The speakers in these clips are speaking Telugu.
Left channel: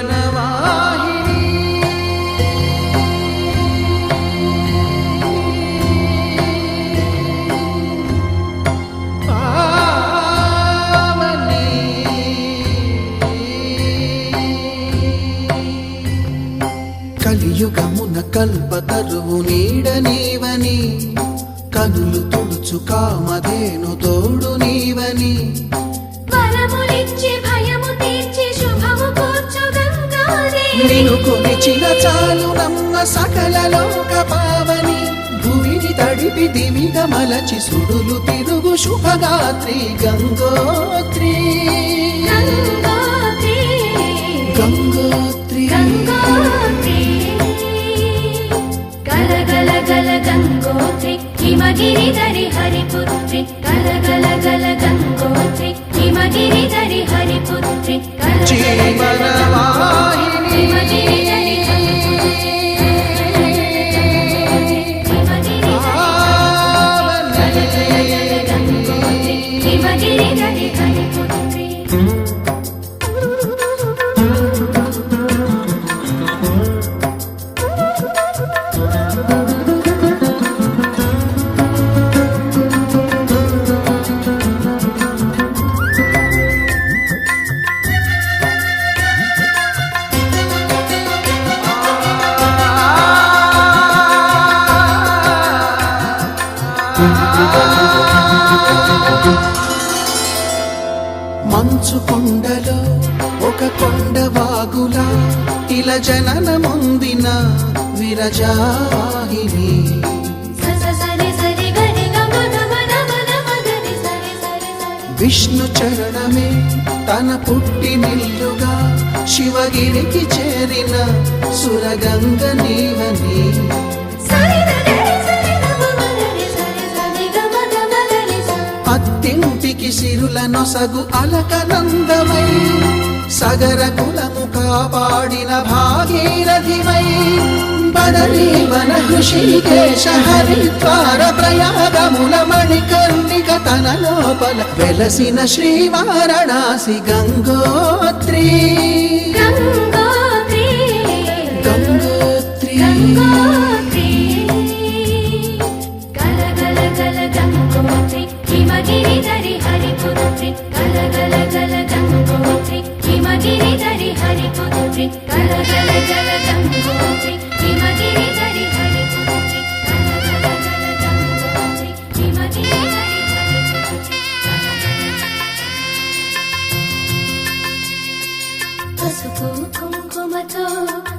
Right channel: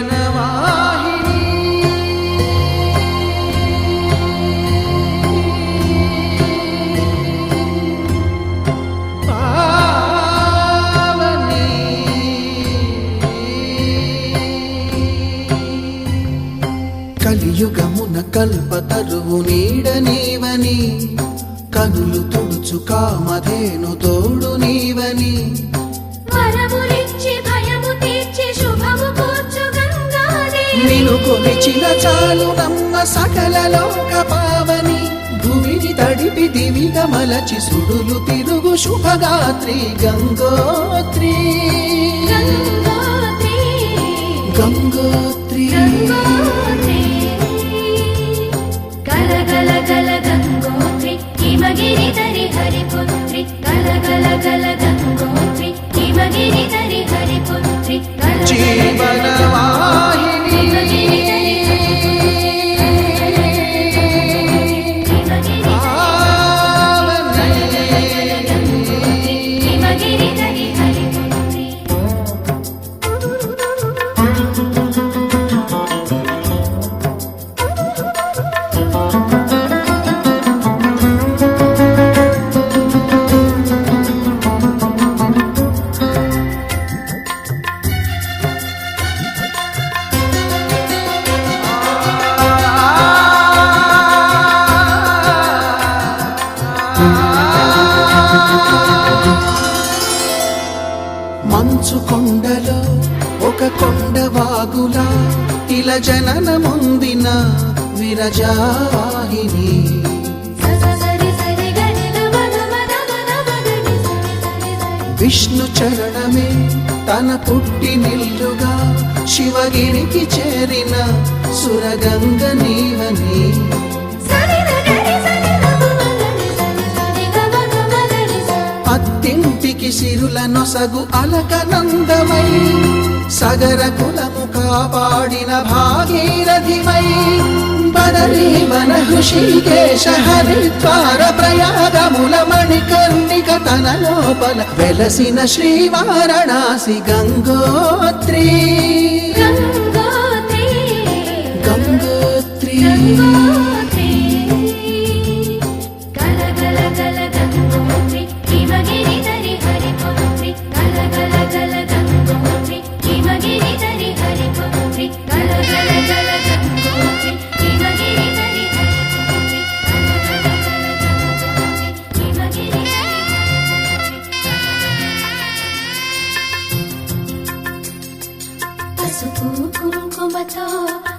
జీవనవాహిని పావని కలియుగమున కల్పతరువు నీడ నీవని కనులు తుడుచు కామధేను తోడు నీవని నిను కొలిచిన చాలు నమ్మ సకల లోక పావని భూమిని తడిపి దివిగా మలచి సుడులు తిరుగు శుభగాత్రి గంగోత్రి గంగోత్రి గల గల గల గంగోత్రి హిమగిరి ధరి హరిపుత్రి గల గల గల గంగోత్రి హిమగిరి ధరి హరిపుత్రి జీవనవాహిని హిమగిరి ధరి హరిపుత్రి మంచు కొండలో ఒక కొండ వాగులా ఇలా జననముందిన విరజావాహిని విష్ణు చరణమే తన పుట్టినిల్లుగా శివగిరికి చేరిన సురగంగ నీవని అత్తింటికి సిరుల నొసగు అలకనందమై సగర కులము కాపాడిన భాగీరథిమై బదరీవన హృషికేశ హరిద్వార ప్రయాగముల మణికర్ణిక తన లోపల వెలసిన శ్రీవారణాసి గంగోత్రి గంగోత్రి గల గల గల గంగోత్రి హిమగిరి ధరి హరిపుత్రి గల గల గల గంగోత్రి హిమగిరి ధరి హరిపుత్రి గల గల గల గంగోత్రి హిమగిరి ధరి హరిపుత్రి గల గల గల గంగోత్రి హిమగిరి ధరి హరిపుత్రి పసుపు కుంకుమతో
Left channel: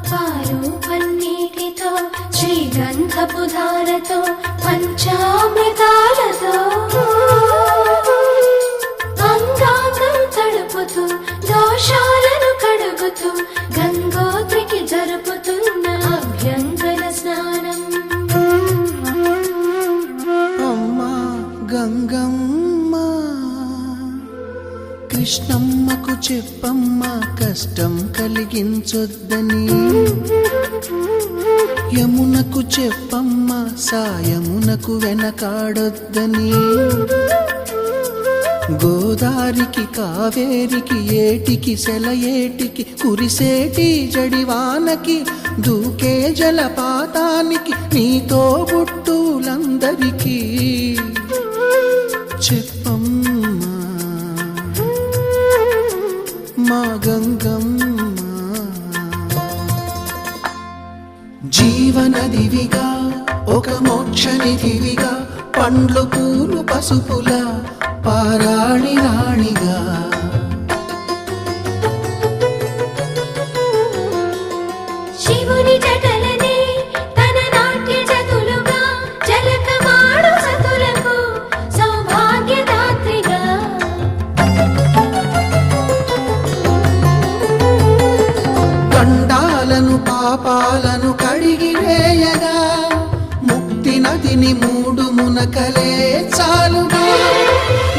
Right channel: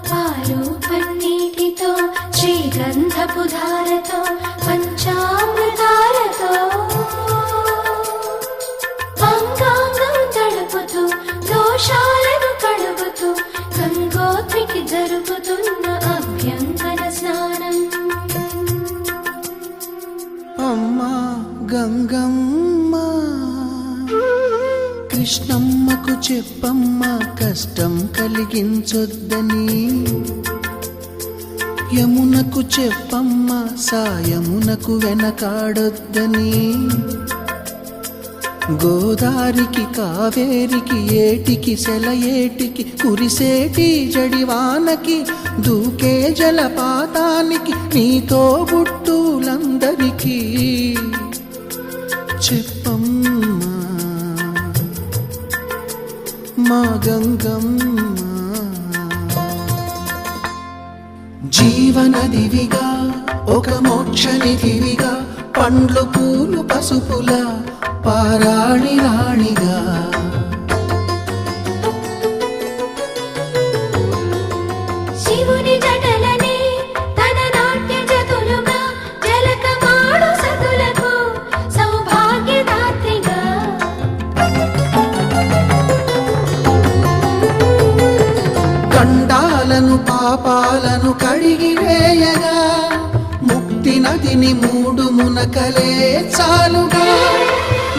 పాలు పన్నీటితో శ్రీగంధపు ధారతో పంచామృతాలతో అంగాంగం తడుపుతూ దోషాలను కడుగుతూ గంగోత్రికి జరుపుతున్న అభ్యంగన స్నానం అమ్మా గంగమ్మ కృష్ణమ్మకు చెప్పమ్మా కష్టం కలిగించొద్దని యమునకు చెప్పమ్మా సాయమునకు వెనకాడొద్దని గోదారికి కావేరికి ఏటికి సెలయేటికి కురిసేటి జడివానకి దూకే జలపాతానికి నీతో బుట్టులందరికీ చెప్పమ్మా మా గంగమ్మ జీవనదివిగా ఒక మోక్షనిధివిగా పండ్లు పూలు పసుపుల పారాణి రాణిగా శివుని జటలనే తన నాట్య జతులుగా జలకమాడు సతులకు సౌభాగ్యదాత్రిగా గండాలను పాపాలను కడిగివేయగా ముక్తి నదిని మూడు మునకలే చాలుగా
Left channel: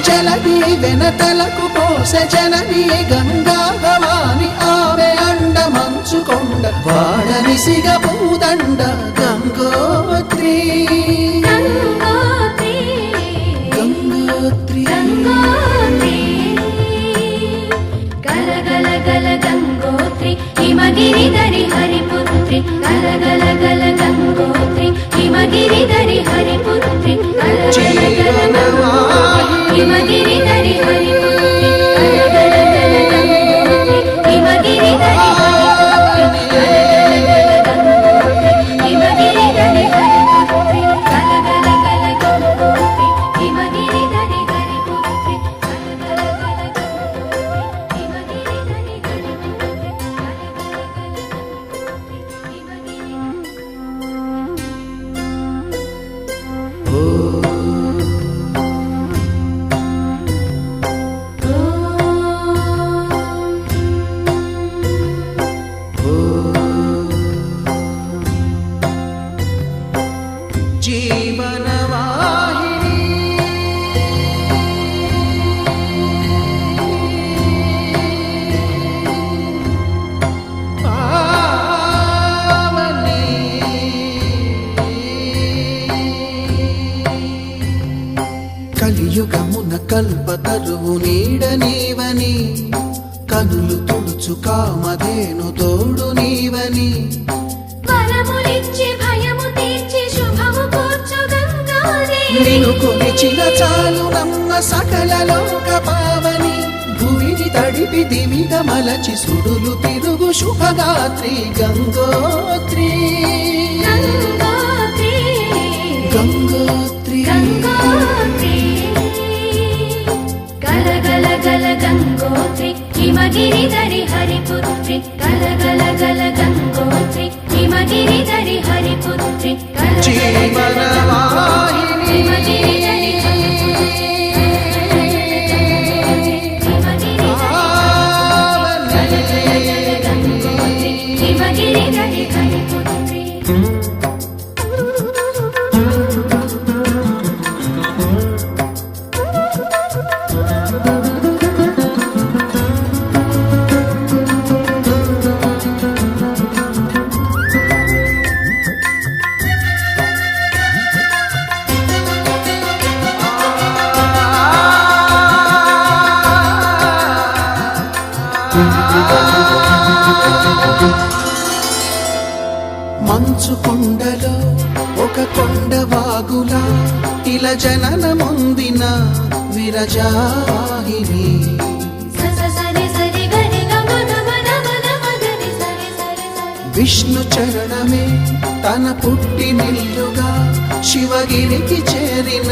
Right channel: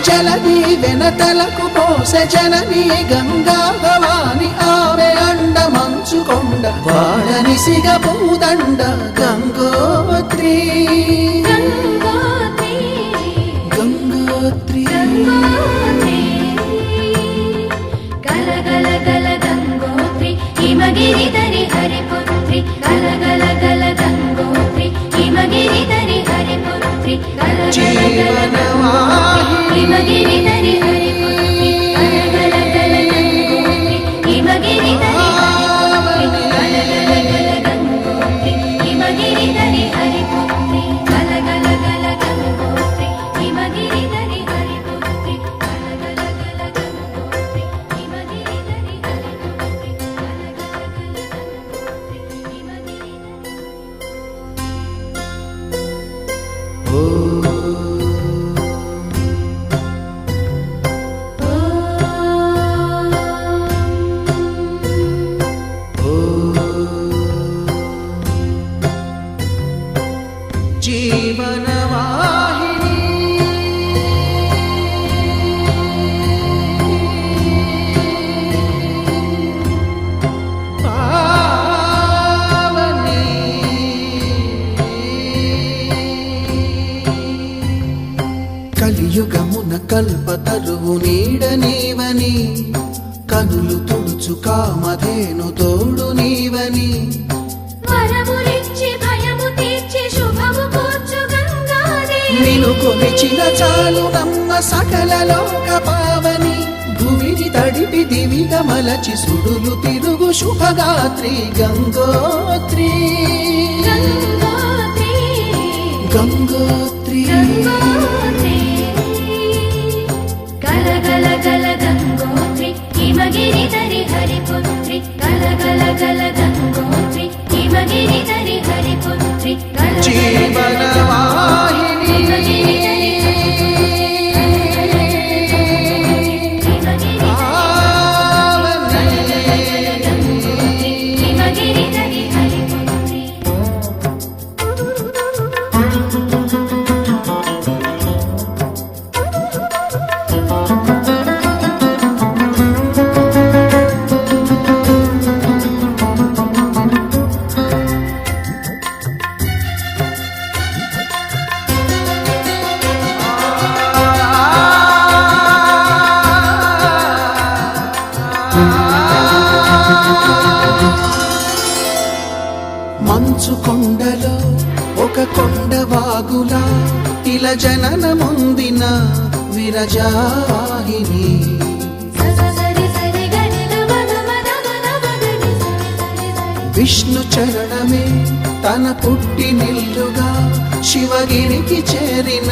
జలది వెనతలకు పోసె జనని గంగా భవాని ఆమె అండ మంచుకొండ వాడని సిగ పూదండ గంగోత్రి గంగోత్రి హిమగిరిధరి హరిపుత్రి గలగల గంగోత్రి హిమగిరిధరి హరిపుత్రి గలగల గంగోత్రి హిమగిరిధరి హరిపుత్రి గలగల గంగోత్రి హిమగిరిధరి హరిపుత్రి గలగల గంగోత్రి హిమగిరిధరి హరిపుత్రి జీవనవాహిని పావని కలియుగమున కల్పతరువు నీడ నీవని కనులు తుడుచు కామధేను తోడు నీవని వరములిచ్చి భయము తీర్చి శుభము కూర్చు గంగాదేవి నిను కొలిచిన చాలు నమ్మ సకల లోక పావని భూమిని తడిపి దివిగా మలచి సుడులు తిరుగు శుభగాత్రి గంగోత్రి గంగోత్రి గంగోత్రి గలగల గల గంగోత్రి హిమగిరిధరి హరిపుత్రి గలగల గల గంగోత్రి హిమగిరిధరి హరిపుత్రి జీవనవాహిని హిమగిరిధరి హరిపుత్రి మంచు కొండలో ఒక కొండ వాగులా ఇలా జననమొందిన విరజావాహిని విష్ణు చరణమే తన పుట్టినిల్లుగా శివగిరికి చేరిన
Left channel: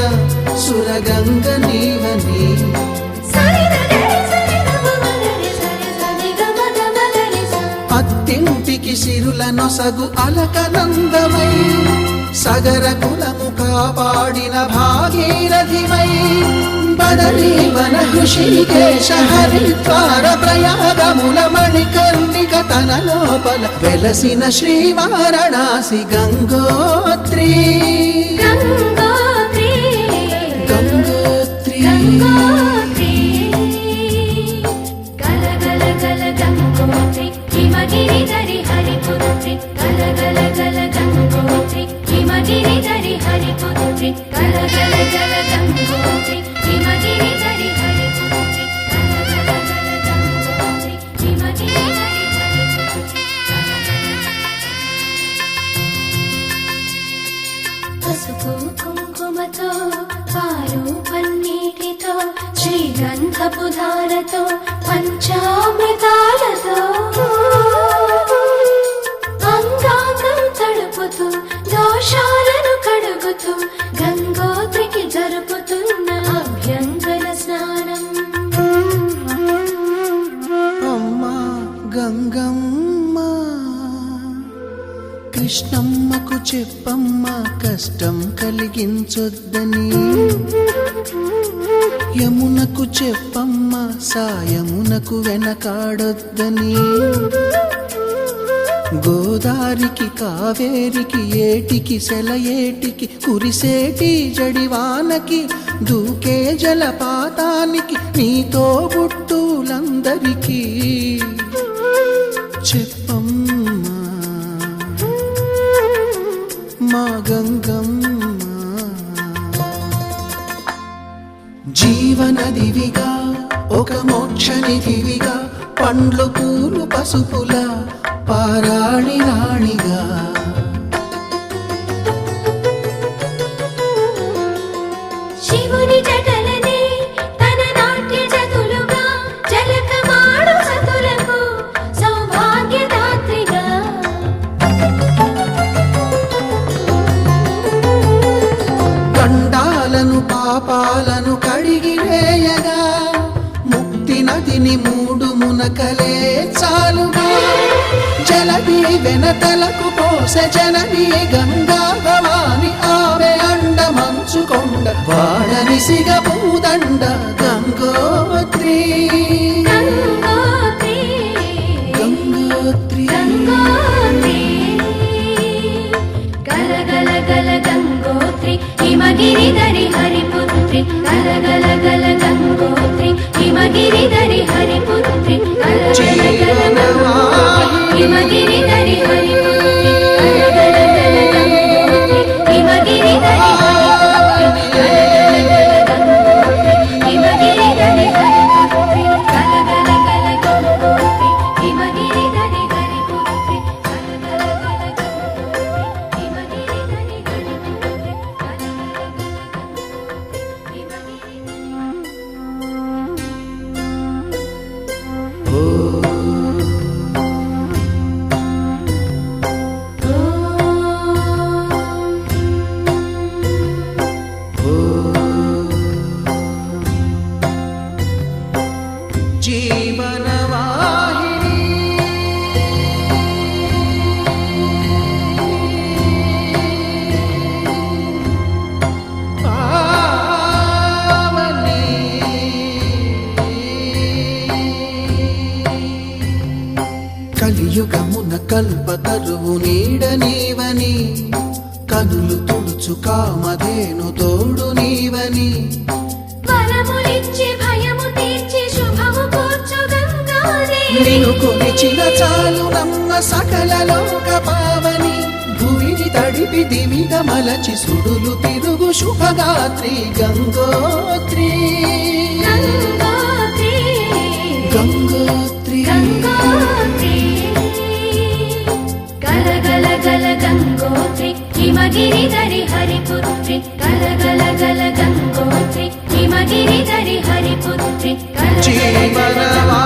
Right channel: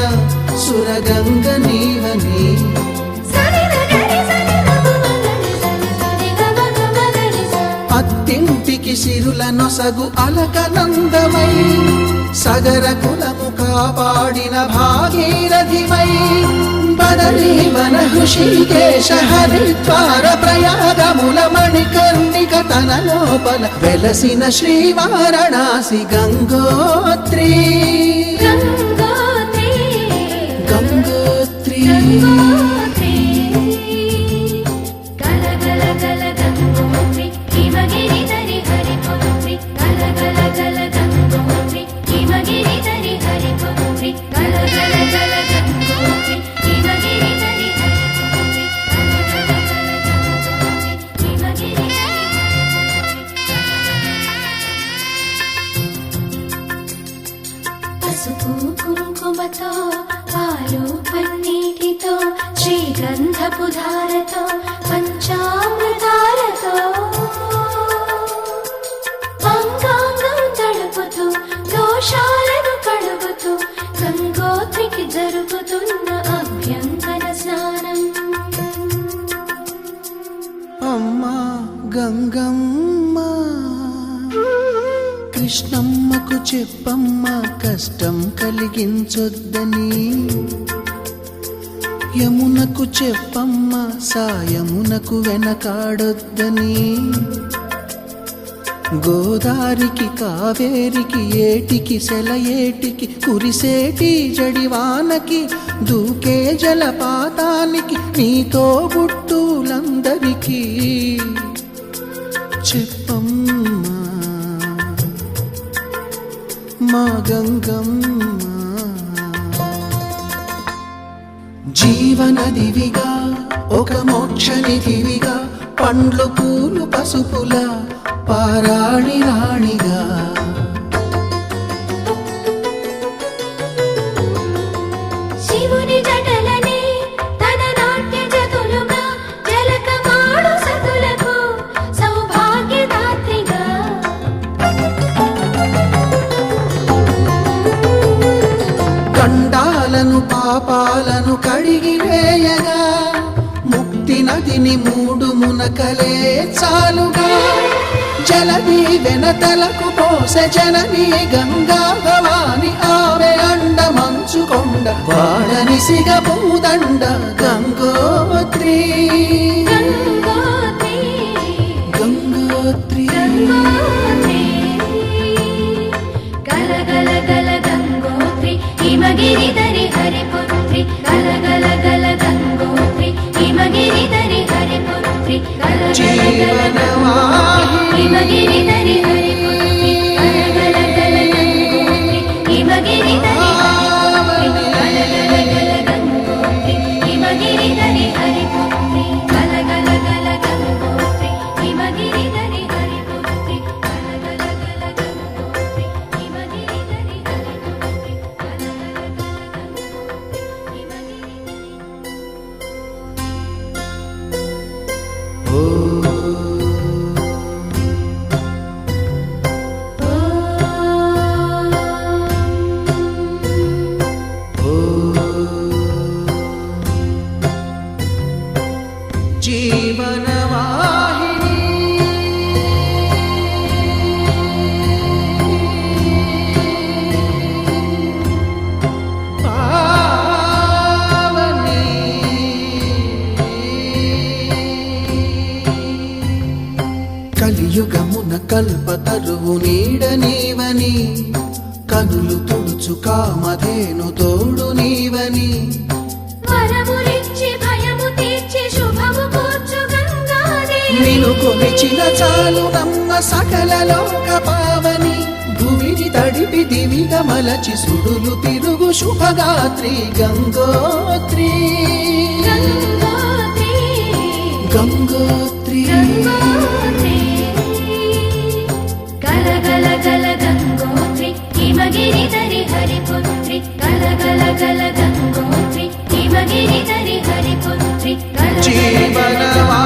సురగంగ నీవని అత్తింటికి సిరుల నొసగు అలకనందమై సగర కులము కాపాడిన భాగీరథివై బదరీ వన హృషికేశ హరిద్వార ప్రయాగముల మణికర్ణిక తన లోపల వెలసిన శ్రీవారణాసి గంగోత్రి గంగోత్రి గలగల గల గంగోత్రి హిమగిరిధరి హరిపుత్రి గలగల గల గంగోత్రి హిమగిరిధరి హరిపుత్రి గలగల గల గంగోత్రి హిమగిరిధరి హరిపుత్రి గలగల గల గంగోత్రి హిమగిరిధరి హరిపుత్రి పసుపు కుంకుమతో పాలు పన్నీటితో శ్రీగంధపు ధారతో పంచామృతాలతో అంగాంగం తడుపుతూ దోషాలను కడుగుతూ గంగోత్రికి జరుపుతున్న అభ్యంగన స్నానం అమ్మా గంగమ్మ కృష్ణమ్మకు చెప్పమ్మ కష్టం కలిగించొద్దని యమునకు చెప్పమ్మ సాయమునకు వెనకాడొద్దని గోదారికి కావేరికి ఏటికి సెలయేటికి కురిసేటి జడివానకి దూకే జలపాతానికి నీతో బుట్టులందరికీ చెప్పమ్మా మా గంగమ్మ జీవనదివిగా ఒక మోక్షనిధివిగా పండ్లు పూలు పసుపుల పారాణి రాణిగా శివుని జటలనే పాపాలను కడిగివేయగా ముక్తి నదిని 3 మునకలే చాలుగా జలది వెనతలకు పోసె జనని గంగా భవాని ఆమె అండ మంచుకొండ వాడని సిగ పూదండ గంగోత్రి గంగోత్రి గంగోత్రి గల గల గల గంగోత్రి హిమగిరిధరి హరిపుత్రి గల గల గల గంగోత్రి హిమగిరిధరి హరిపుత్రి గల గల గల గంగోత్రి హిమగిరిధరి హరిపుత్రి గల గల గల గంగోత్రి హిమగిరిధరి హిమగిరిధరి హరిపుత్రి గల గల గల గంగోత్రి హిమగిరిధరి హరిపుత్రి గల గల గల గంగోత్రి హిమగిరిధరి హరిపుత్రి గల గల గల ఓ జీవనవాహిని పావని కలియుగమున కల్పతరువు నీడ నీవని కనులు తుడుచు కామధేను తోడు నీవని వరములిచ్చి భయము తీర్చి శుభము కూర్చు గంగాదేవి నిను కొలిచిన చాలు నమ్మ సకల లోక పావని భూమిని తడిపి దివిగా మలచి సుడులు తిరుగు శుభగాత్రి గంగోత్రి గంగోత్రి గంగోత్రి గంగోత్రి గల గల గల గంగోత్రి హిమగిరిధరి హరిపుత్రి గల గల గల గంగోత్రి హిమగిరిధరి హరిపుత్రి గల గల గల జీవనవాహిని